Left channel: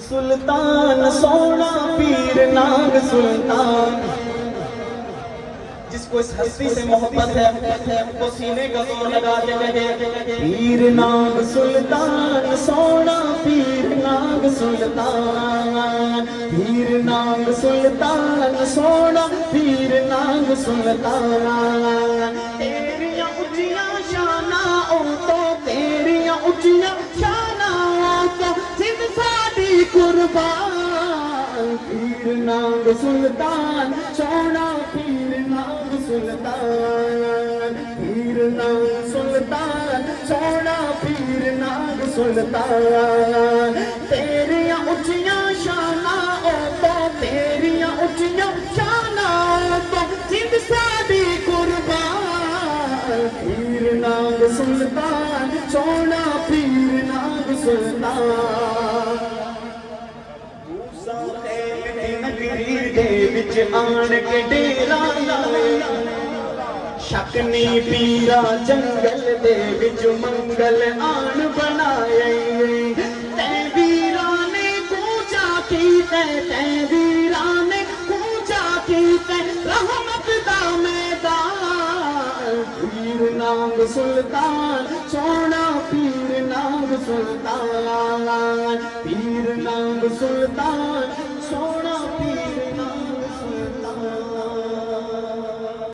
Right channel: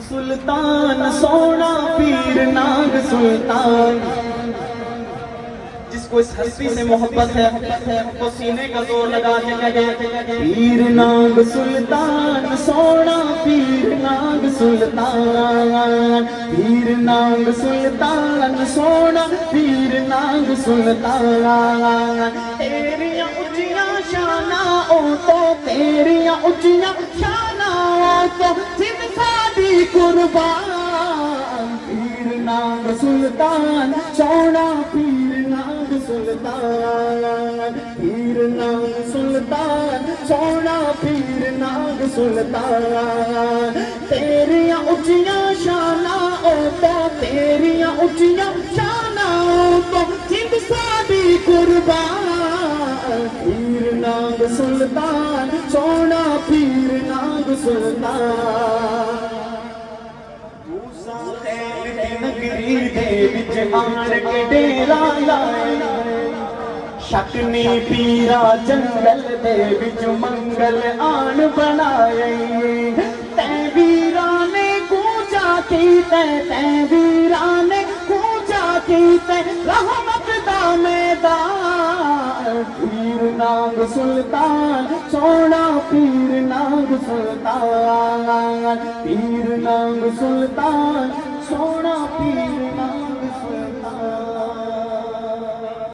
सुल्तान सोना पीर नाग सुल्तान। जिसको इस हस्ती से मोहब्बत है वो सीने का जोर लगा के कहे पीर नाग सुल्तान सोना पीर नाग सुल्तान, पीर नाग सुल्तान सोना पीर नाग सुल्तान। तेरियां उच्चियां शाना ओ तो तेरियां उच्चियां शाना ओ तो सिर साडी कुर्बान। पीर नाग सुल्तान सोना पीर नाग सुल्तान, पीर नाग सुल्तान सोना पीर नाग सुल्तान। तेरियां उच्चियां शाना ओ तो तेरियां उच्चियां शाना ओ तो सिर साडी कुर्बान। पीर नाग सुल्तान सोना पीर नाग सुल्तान। मूसा नगरी दे विच आण के डेरा लाए, शकनी पीरा जंगल दे विच मंगल आन बनाए। तै वीरा ने कूचा की तै वीरा ने कूचा की तै रहमत दा मैदान। पीर नाग सुल्तान सोना पीर नाग सुल्तान, पीर नाग सुल्तान